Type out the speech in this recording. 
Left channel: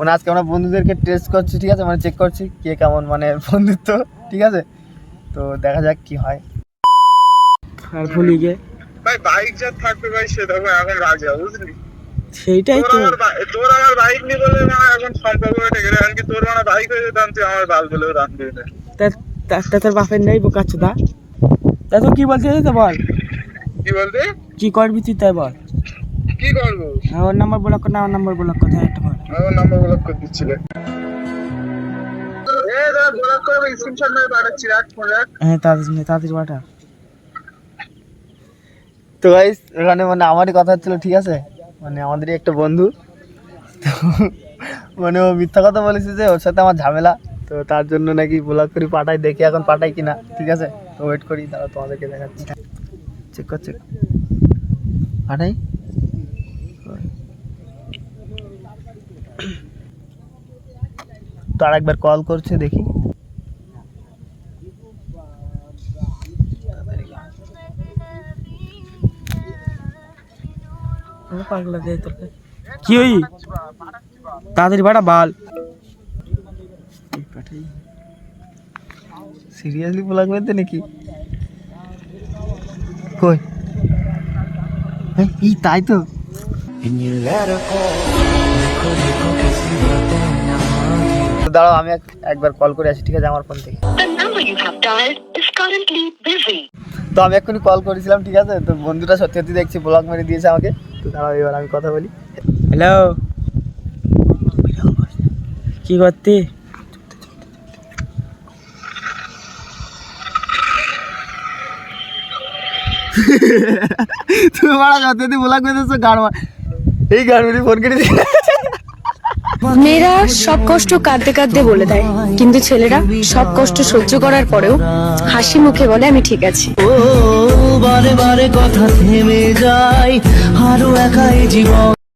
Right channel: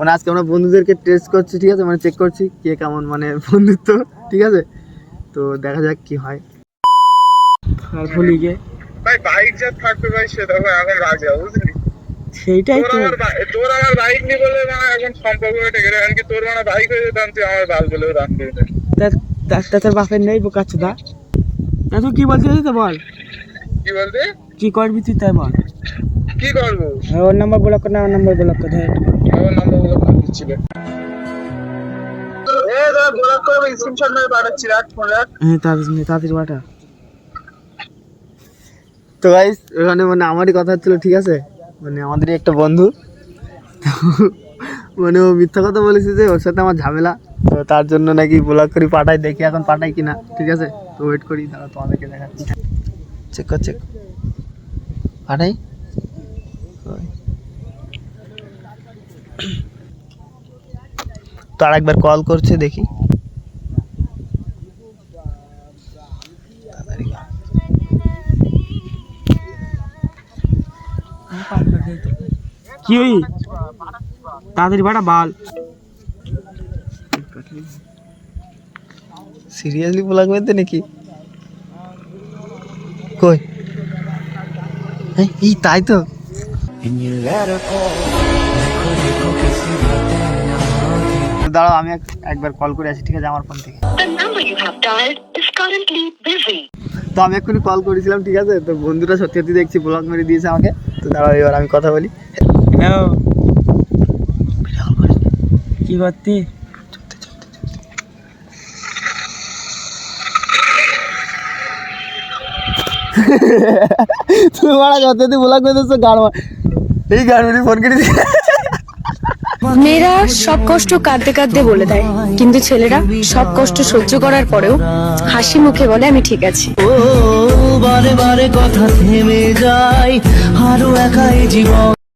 মানে আজকে আমরা বন্ধুদেরকে টেস্ট করছি, ঠিক আছে, মানে চেক করছি কে কেমন মানে বন্ধুত্ব, ঠিক আছে। তো দেখা যাক কি হয়। আর ভুলি গে ভাই বাইক যা থাকবে ভাই সেটা এখন রাজা, বুঝলি? সেইটাই তো। তোর আমার বাইক নিয়ে বলে না এখন সম্পর্ক টেকে, এমনকি তোর মানে বাইক হয়ে যেতাম তুই আমার বাল বলেও রান করে দেয়। তোর বাপের নেই বোকাচ্ছ দা, এত কি বলতে তো বল, কি বলতে কি করবি তুই তাই বল। কি করবো? ওর নাম্বার ব্লক কর না, ওর নাম্বার ব্লক কর, ধর একটু আমার নাম্বার ব্লক করে দিচ্ছিলে। ব্লক করবে স্ক্রিনশট মেরে পাঠাচ্ছি, রাখ ফোন রাখ। হ্যাঁ তাড়াতাড়ি পাঠা। তো গাইস এখানে মানে আমারই কথা হচ্ছিল, ঠিক আছে, মানে আমাদেরই একটা বন্ধু, তো মানে ও মিথ্যা কথা বলেছে যে ওর সাথে আমার ঝামেলা, তো তার জন্য নাকি ব্লক করি পাঠাই, দেখি এখন পাঠাই কিনা, ঠিক আছে। তো ওয়েট করি, তারা তোমাদেরকে দেখাচ্ছি, চেক কর পাঠাই। তো আর একবার কল করছে, দেখি। কি হই তাড়াতাড়ি বাড়া বাল, সিরিয়াসলি ব্লগ মেতে নাকি কই? এই তাই তো। দাঁড়াও আমি একবার কল করে আসি, ঠিক আছে, আমার ফোন থেকে। তো আমি এক্ষুনি কল করেছিলাম, ঠিক আছে। তো বন্ধুটা সত্যি সত্যি দেখছি ব্লগ মেরে দিয়েছে আমাকে। তো দাঁড়াও এবার আমি কথা বলি। হ্যালো, কি করতে? তুমি মারা সত্যি ব্লগ মেরে দিচ্ছ, গান এই গান মেরে ফোন করে দিয়ে। মেয়েরা সব কষ্ট কাঁদতে কাঁদতে বলে দেয়, কিন্তু ছেলেরা সব কষ্ট সহ্য করার পরেও হাসি মুখে বলে আমি ঠিক আছি। ও বারে বারে কথা থেমে যায়, আরো একাই জীবন।